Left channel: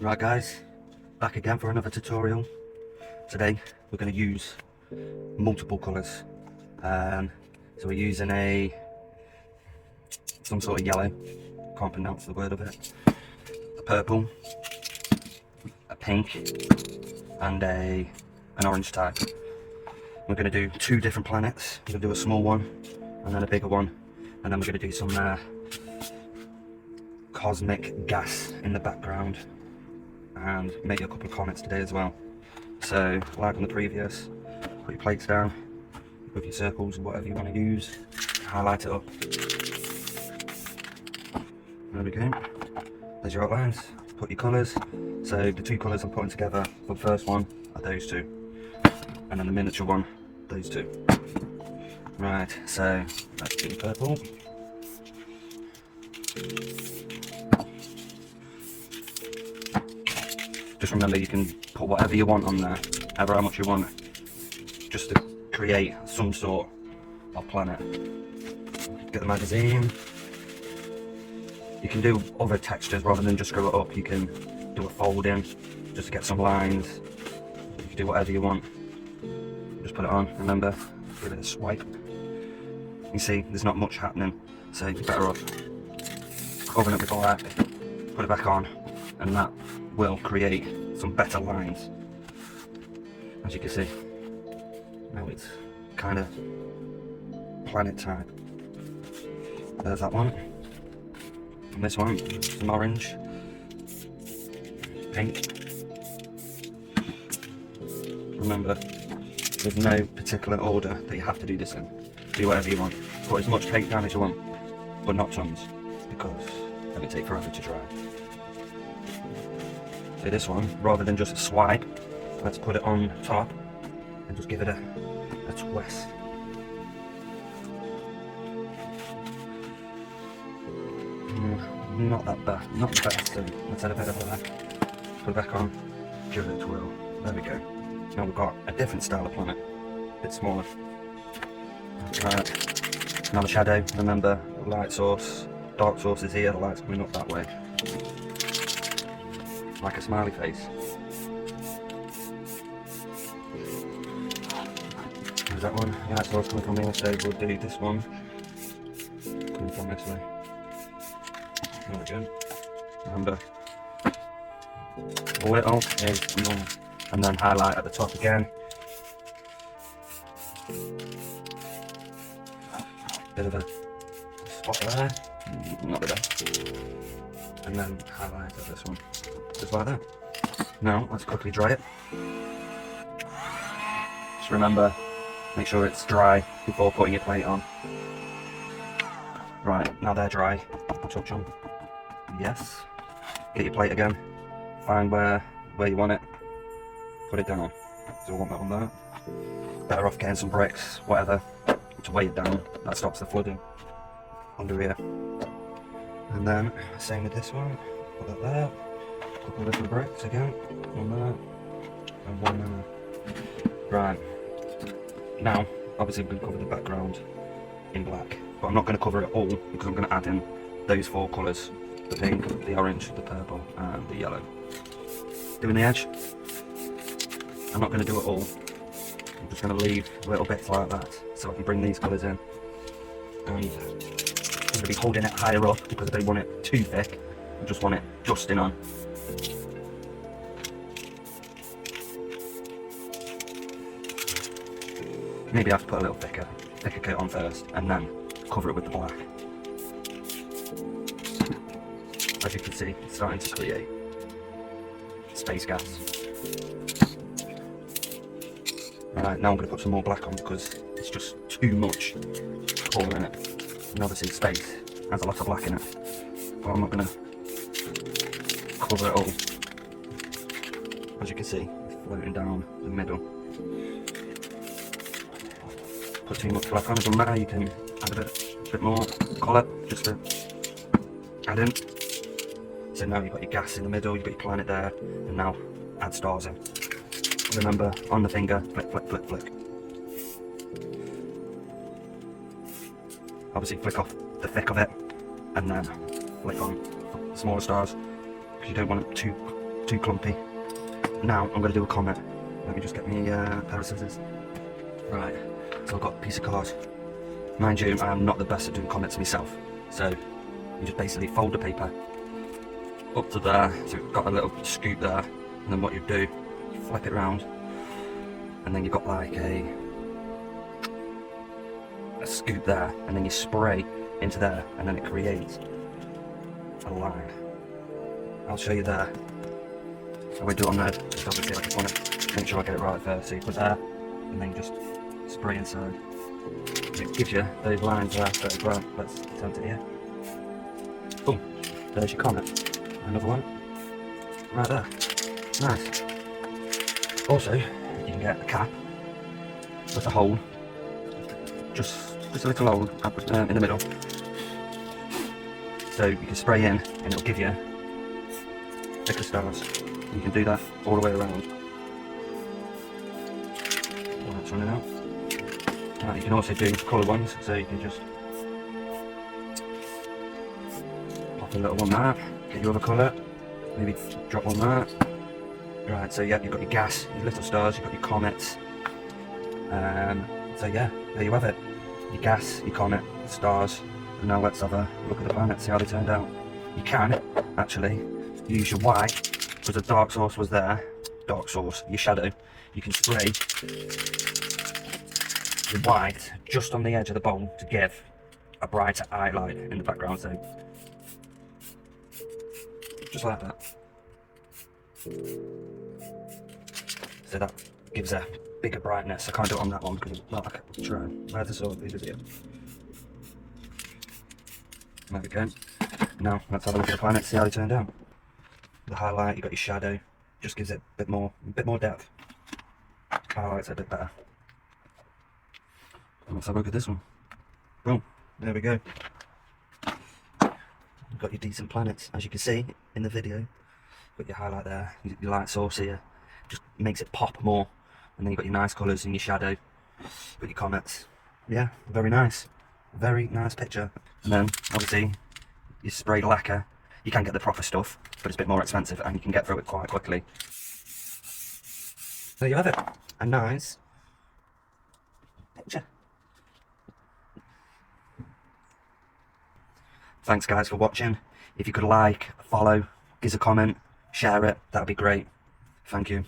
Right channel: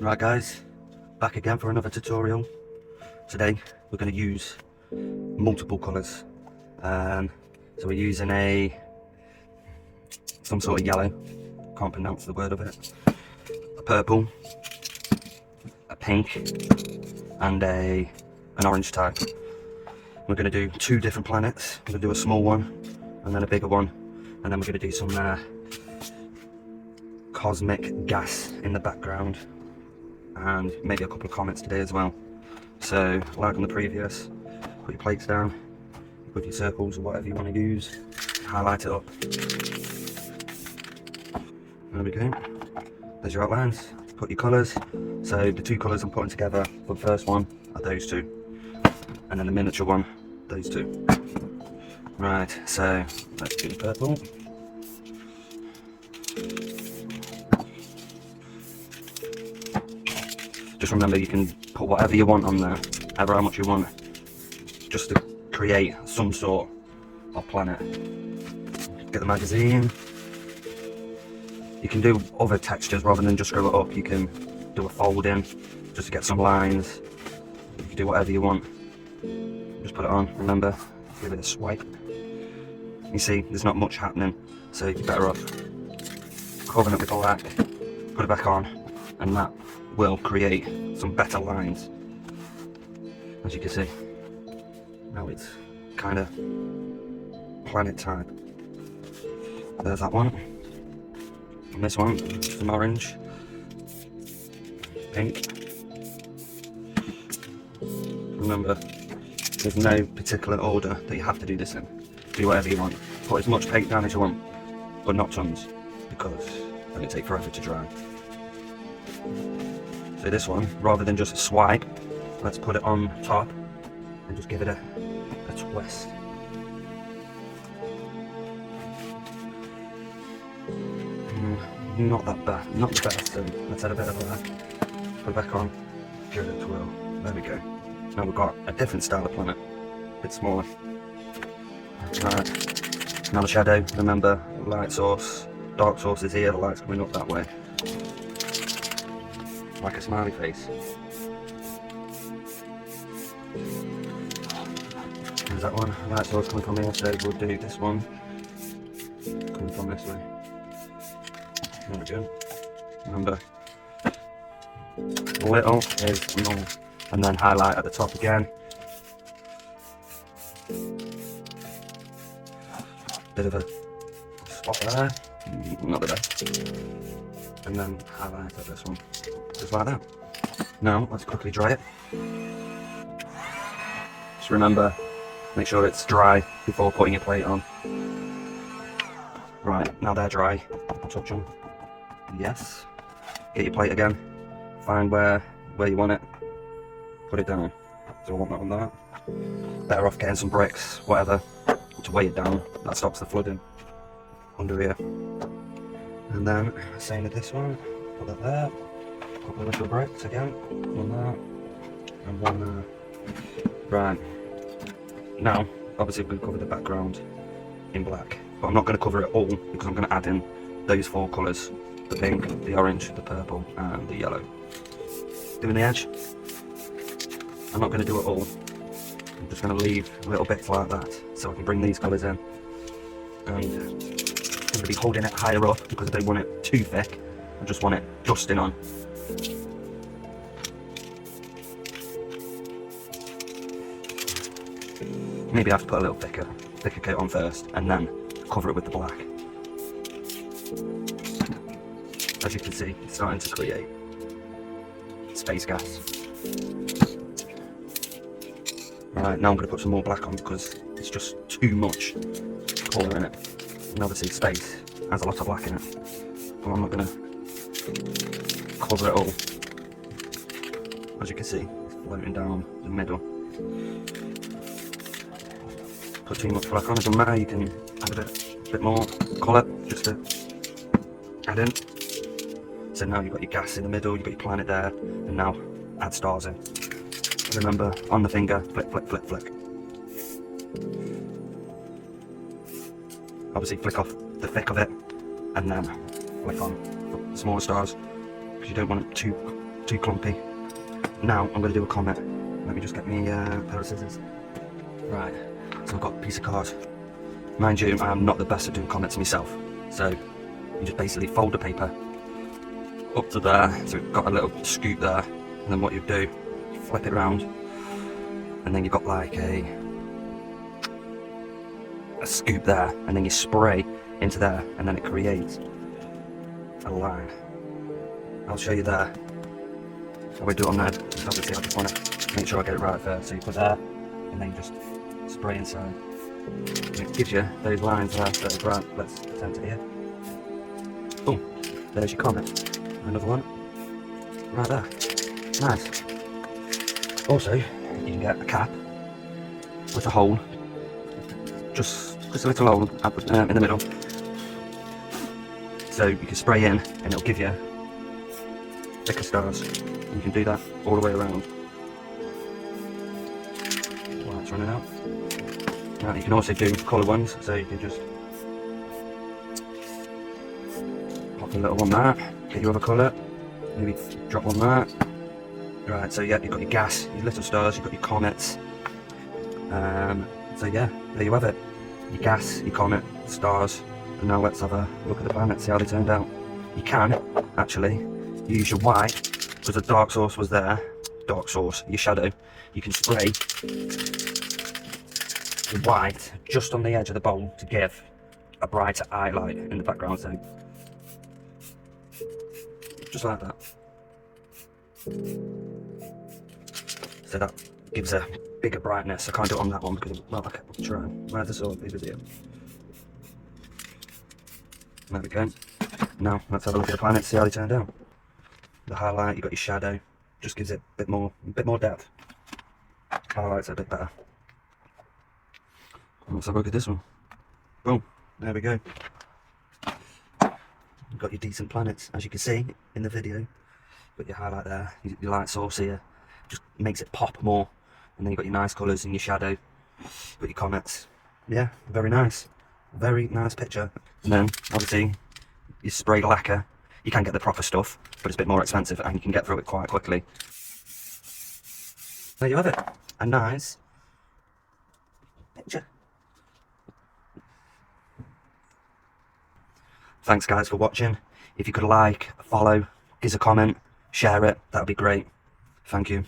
Right guys, back again for another tutorial. Today we're going to use multiple colours. So we're using some sort of yellow, can't pronounce the word of it, a purple, a pink and an orange type. We're going to do two different planets. We're going to do a small one and then a bigger one, and then we're going to do some cosmic gas in the background and maybe a couple of comments today as well. So like on the previous, put your plates down, put your circles or whatever you want to use, highlight it up. There we go, there's your outlines. Put your colours. So the two colours I'm putting together for the first one are those two, and then the miniature one, those two. Right, so let's do the purple. Just remember you can put whatever you want on there, however how much you want, just to create some sort of planet. Get the magazine. You can do other textures rather than just screw it up. You can do a folding just to get some lines. You can do whatever you want. Just put it on. Remember, give it a swipe. You see, there's not much happening, so you're better off covering it with black, put it back on, and that will create some better lines. As you can see, now it's kind of planet type. There's that one. And this one, some orange, pink. Remember, there's no particular order that you have to do this in. Do whatever you want. Put as much paint down as you want, but not tons, because it'll take forever to dry. So this one, rather than just swipe, let's put it on top and just give it a twist. Not that bad, not the best, so let's add a bit of that. Put it back on, give it a twirl. There we go. Now we've got a different style of planet, a bit smaller. Right. Now the shadow, remember, light source, dark source is here, the light's coming up that way. Like a smiley face. There's that one, light source coming from here, so we'll do this one coming from this way. There we go. Remember, little is none, and then highlight at the top again. Bit of a spot there, not the best. And then highlight at this one, just like that. Now let's quickly dry it. Just remember, make sure it's dry before putting your plate on. Right, now they're dry, touch them. Yes. Get your plate again. Find where you want it. Put it down. So I want that on there. Better off getting some bricks, whatever, to weigh it down. That stops the flooding under here. And then same with this one. Put that there. A couple of little bricks again. One there and one there. Right. Now, obviously we've covered the background in black, but I'm not going to cover it all because I'm going to add in those four colours. The pink, the orange, the purple and the yellow. Doing the edge. I'm not going to do it all. I'm just going to leave little bits like that so I can bring these colours in. And I'm going to be holding it higher up because I don't want it too thick. I just want it dusting on. Maybe I have to put a little thicker coat on first and then cover it with the black. As you can see, it's starting to create space gas. Right, now I'm going to put some more black on because it's just too much colour in it. And obviously space has a lot of black in it. But I'm not going to cover it all. As you can see, it's floating down the middle. Put too much black on, it doesn't matter, you can add a bit more colour just to add in. So now you've got your gas in the middle, you've got your planet there, and now add stars in. Remember, on the finger, flick, flick, flick, flick. Obviously flick off the thick of it, and then flick on the smaller stars, because you don't want it too too clumpy. Now I'm going to do a comet. Let me just get me a pair of scissors. Right, so I've got a piece of card. Mind you, I'm not the best at doing comets myself. So you just basically fold the paper up to there, so you've got a little scoop there, and then what you do, flip it round, and then you've got like a scoop there, and then you spray into there, and then it creates a line. I'll show you there. I won't do it on that, just obviously I just want to make sure I get it right first. So you put there, and then you just spray inside. And it gives you those lines there, so right, let's attempt it here. Boom, there's your comet. Another one, right there. Nice. Also, you can get a cap with a hole, just a little hole in the middle. So you can spray in, and it'll give you thicker stars. And you can do that all the way around. Well, that's running out. Now you can also do colour ones, so you can just pop a little one there, get your other colour, maybe drop one there. Right, so yeah, you've got your gas, your little stars, you've got your comets. So yeah, there you have it. Your gas, your comet, stars. And now let's have a look at the planets, see how they turned out. You can actually use your white, because the dark source was there, dark source, your shadow. You can spray the white just on the edge of the bowl to give a brighter highlight in the background. So just like that. So that gives a bigger brightness. I can't do it on that one because, well, I can try. Where's the sword? Video. There we go. Now let's have a look at the planets, see how they turned out. The highlight, you've got your shadow, just gives it a bit more depth. Highlights a bit better. And let's have a look at this one. Boom, there we go. You've got your decent planets, as you can see in the video. Got your highlight there, your light source here, just makes it pop more. And then you've got your nice colours in your shadow, got your comets. Yeah, very nice picture. And then obviously you spray lacquer. You can get the proper stuff, but it's a bit more expensive and you can get through it quite quickly. There you have it, a nice picture. Thanks guys for watching. If you could like, follow, give us a comment, share it, that'd be great. Thank you.